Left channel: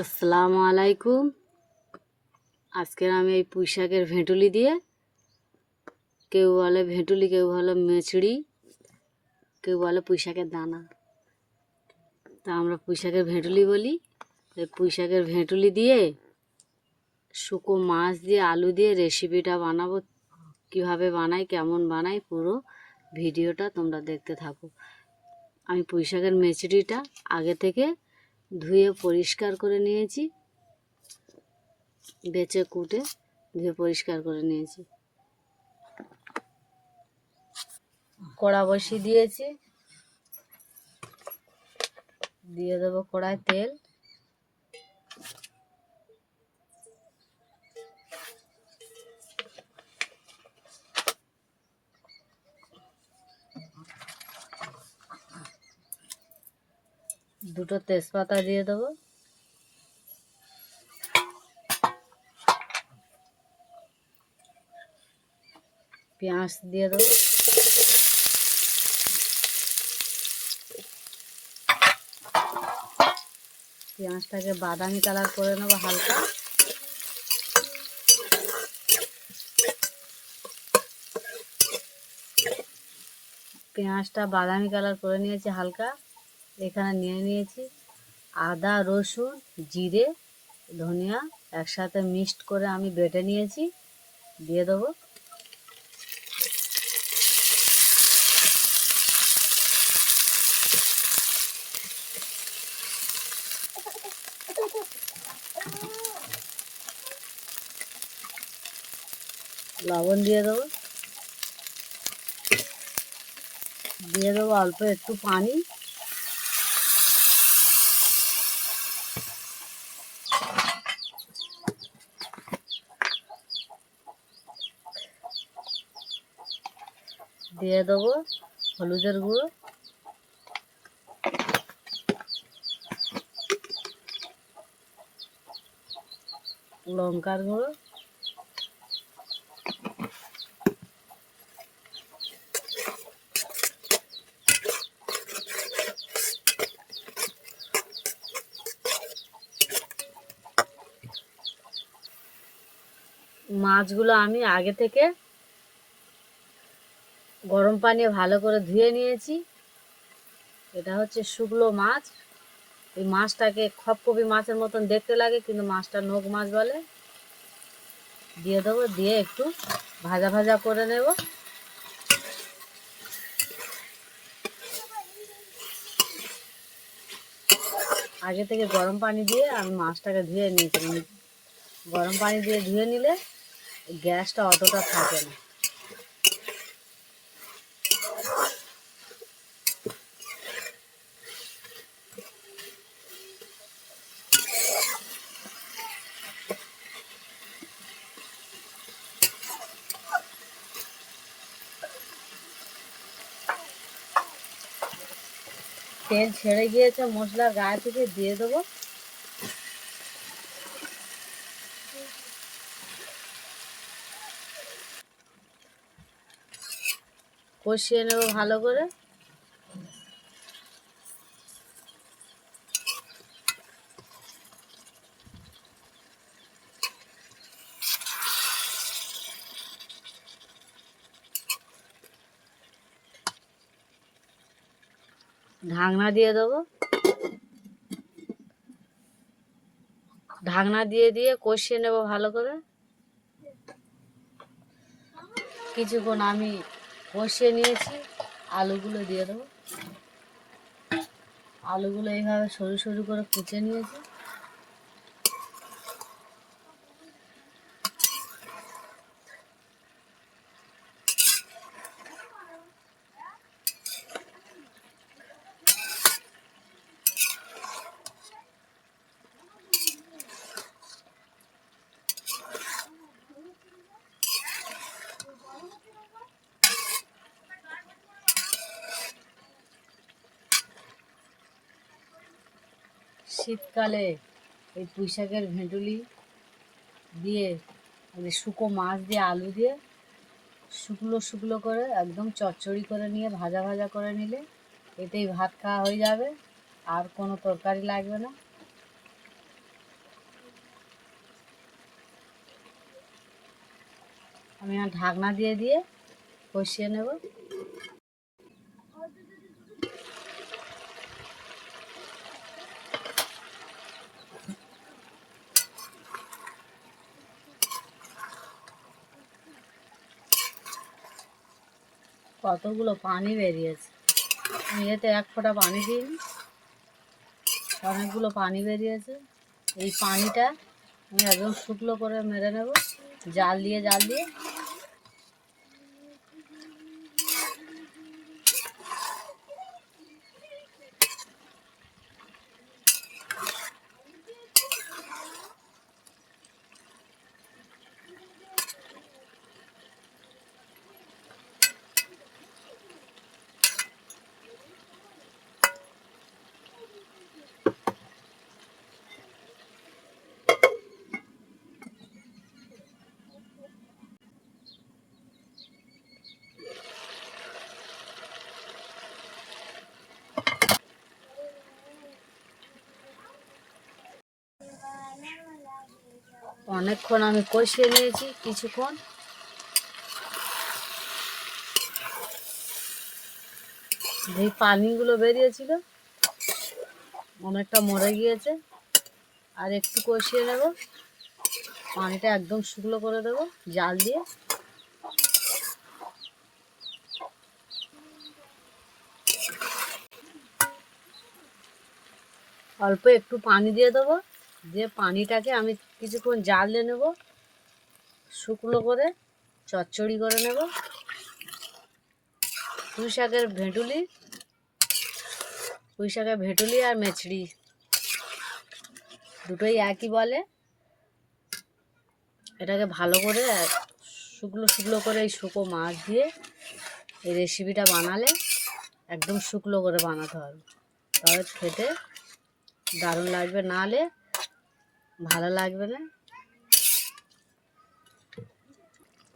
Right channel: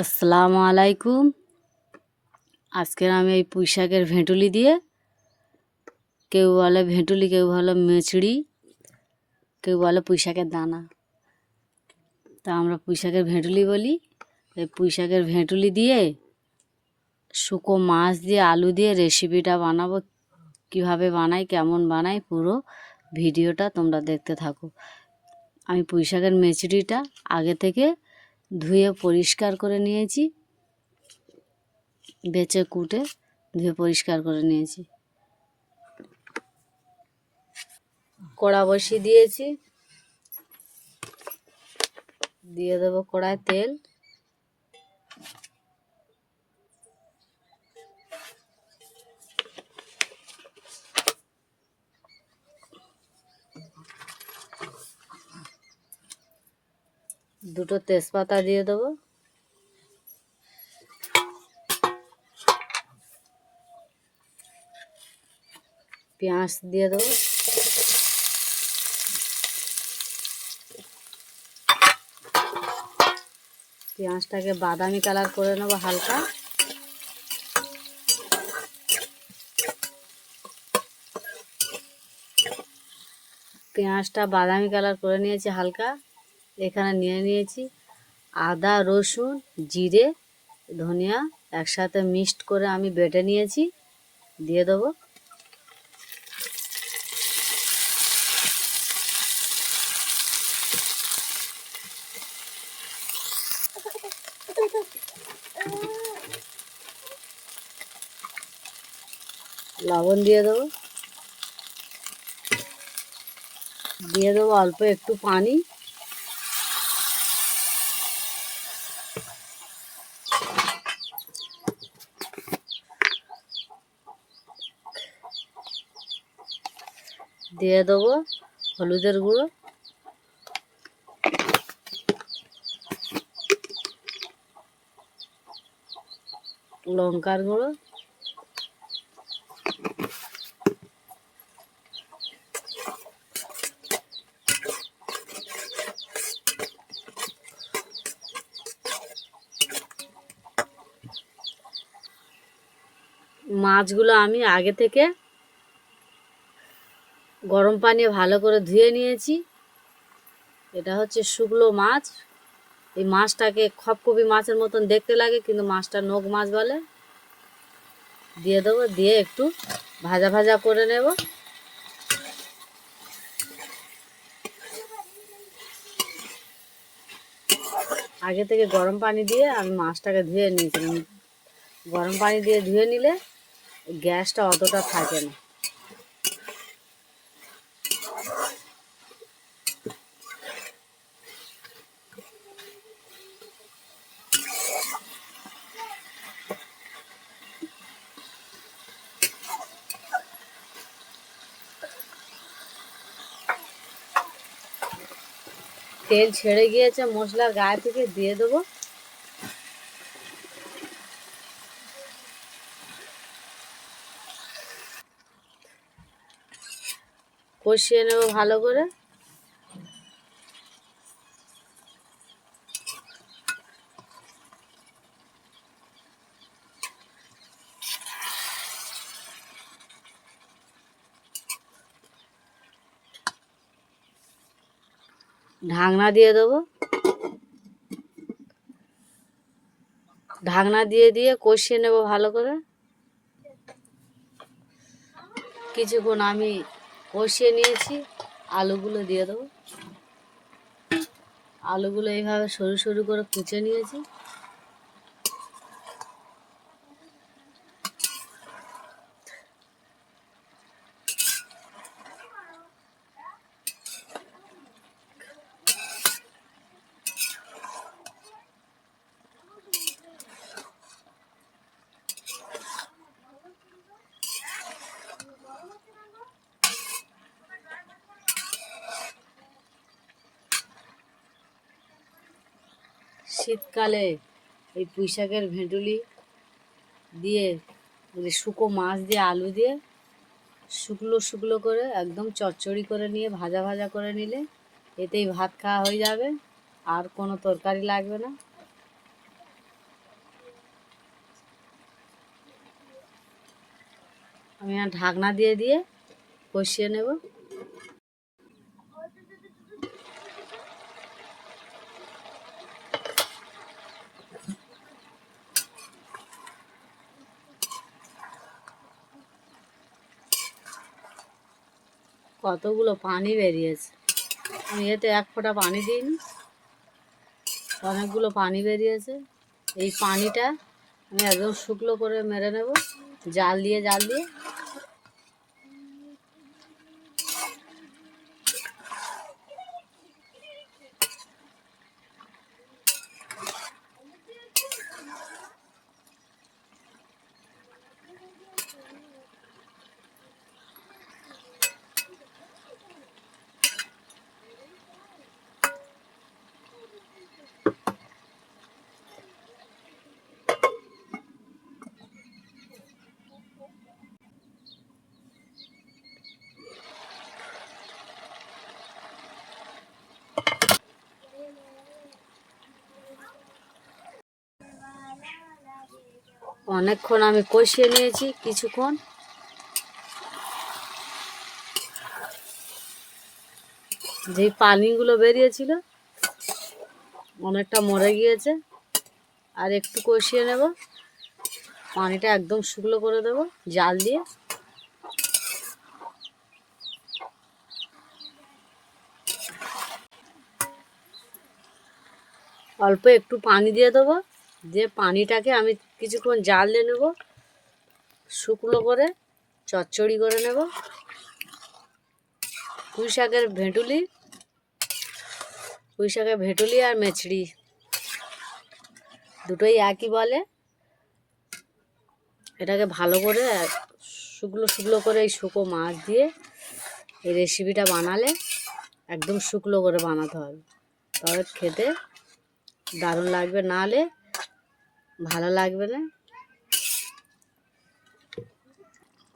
আসসালামু আলাইকুম। আজকের আমি এই পুঁই শাকের ভেঁটুলি দিয়ে, কেউ বলে ভেঁটুলি, কেউ বলে মেচড়ি, কেউ বলে পুঁই শাকের দানা, তা আমরা পুঁই শাকের ভেঁটুলি বলি। এই পুঁই শাকের ভেঁটুলি দিয়ে শুকো মাছ দিয়ে আলু দিয়ে রেসিপিটা বানাবো। কিভাবে বানাই, কেমন বানাই, পুরো ভিডিওটা তোমরা দেখতে থাকো। আমি পুঁই শাকের মেচড়িটা আগে থেকে ধুয়ে পরিষ্কার করে নিয়েছি, বেছে কুটে ধুয়ে পরিষ্কার করে নিয়েছি। কড়া বসিয়ে দিয়েছি, দিয়ে দেবো কড়ায় তেল। দুটো তেজপাতা দিয়ে দেবো, পেঁয়াজ দিয়ে দেবো, পেঁয়াজটাকে বাদামি কালার করে নেবো হালকা। পেঁয়াজটা বাদামি কালার করে নিয়েছি হালকা। এখানে নিয়ে নিয়েছি আদা, রসুন, জিরে, ধনিয়া একসাথে মিক্সড করে আমি বেটে নিয়েছি, দিয়ে দেবো। লবণ দিয়ে দেবো, দিয়ে দেবো অল্প একটু পানি। দিয়ে দেবো হলুদের গুঁড়ো, লঙ্কার গুঁড়ো, মাছগুলো আমি আগে থেকে গরম পানি ভালো করে ধুয়ে নিয়েছি। এটা হচ্ছে শুকনো মাছ। এই মাছটাকে খপকপি মাছের মতন দেখতে লাগে, কিন্তু মাছটা নোক মাছ বলে। দিয়ে দেবো, দিয়ে একটু ভাজা ভাজা করে নেব। আগে থেকে গরম পানি দিয়ে আমি মাছটাকে ধুয়ে নিয়েছিলাম। গরম পানি দিয়ে ধুয়ে নিলে গ্যাসটা অতটা থাকে না। তেল ছেড়ে গিয়েছে মশলার গায়ে থেকে, দিয়ে দেবো কষিয়ে নেব ভালো করে। ঢাকনা দিয়ে দেবো, ঢাকনা দিয়ে দিয়ে কষিয়ে নেব ভালো করে। কিছুক্ষণ আমি কষিয়ে নিয়েছি, আলুগুলো দিয়ে দেবো। আলুগুলো এইভাবে সরু সরু করে কুচে নিয়েছি। শীতকালে এই পুঁই শাকের ভেঁটুলি দিয়ে, শুকো মাছ দিয়ে, আলু দিয়ে শুকনো শুকনো করে একদম চচ্চড়ি করে নিয়ে ভাজা ভাজা করে নিলে এতেই ভাত খাওয়া হয়ে যাবে, আর কোনো তরকারি লাগবে না। আমি আর ঢাকনা দিয়ে দিয়ে কষিয়ে নেব। কতগুলো পানি বেরিয়েছে, আমি এতে এক ফোঁটা পানি দিইনি, অনেকগুলো পানি বেরিয়েছে। এই পানিটা আমি একদম শুকনো করে মেরে নেব, জাল দিয়ে জাল দিয়ে। অনেকক্ষণ আমি কষিয়ে নিয়েছি, কিছুক্ষণ। যেই পানিগুলো বেরিয়েছিল অনেকটা মরে গিয়েছে, আর একটু কষিয়ে নেব, পানিটা একদম শুকনো করে দেবো জাল দিয়ে। অল্প একটু পানি দিয়ে দেবো, দিয়ে পানিটাকে আমি কিছুক্ষণ জাল দিয়ে নেব, শুকনো করে চচ্চড়ি করে নেব। পুঁই শাকের ভেটুলি আর মেচড়ি দুটোই একই বলে। এটাকে ভালো করে শুকনো করে এই শুকো মাছ দিয়ে এই রেসিপিটা বানালে একদম শুকনো করে বানাতে হবে, তবে খেতে দারুণ লাগবে, নাহলে ভালো লাগবে না।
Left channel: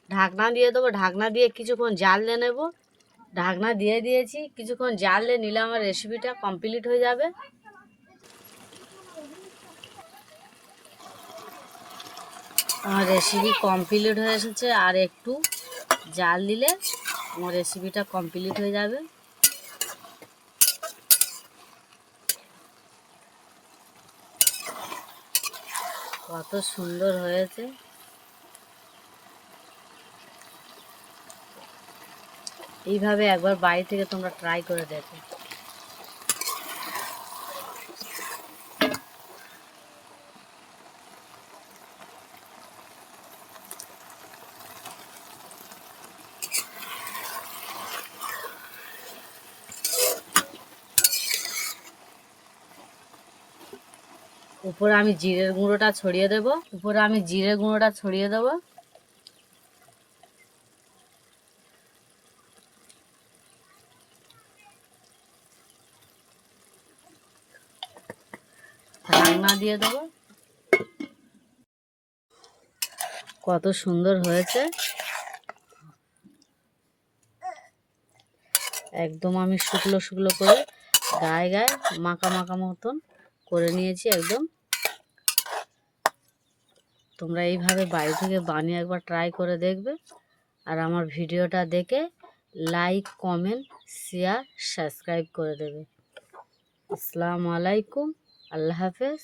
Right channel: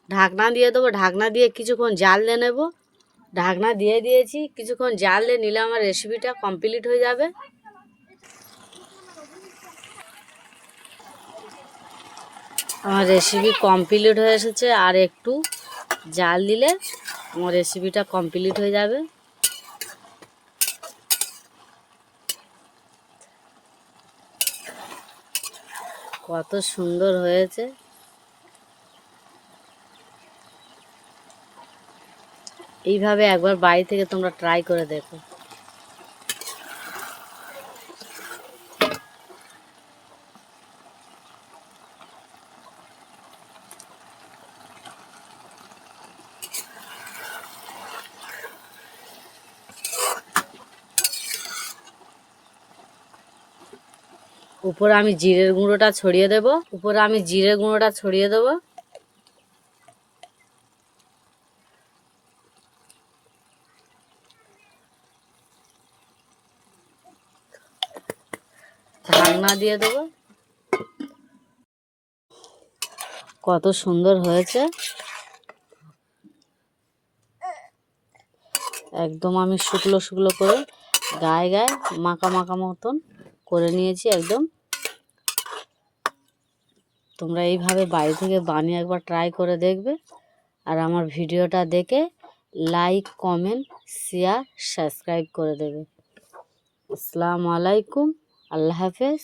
ঢাকনা দিয়ে দেবো, ঢাকনা দিয়ে কিছুক্ষণ জাল দিয়ে নেব। ঢাকনা দিয়ে দিয়েছি, কিছুক্ষণ জাল দিয়ে নিলে আমার রেসিপিটা কমপ্লিট হয়ে যাবে। আমার রেসিপি কমপ্লিট হয়ে এসেছে, আর একটু জাল দিলে আমার রেসিপিটা কমপ্লিট হয়ে যাবে। কত সুন্দর হয়েছে, এইভাবে একবার বাড়ি থেকে তোমরা ট্রাই করে দেখো। উপরে আমি জিরের গুঁড়োটা ছড়িয়ে দেবো। ঢাকনা দিয়ে দেবো। কত সুন্দর হয়েছে, একদম আমি শুকনো করে গায়ে মাখা মতন করে নিয়েছি একদম। তোমরা এইভাবে বাড়ি থেকে বানিয়ে একবার ট্রাই করে দেখবে, আর আমার ভিডিওটা দেখে লাইক, কমেন্ট, শেয়ার, সাবস্ক্রাইব করে দেবে। আসসালামু আলাইকুম, আল্লাহ হাফেজ।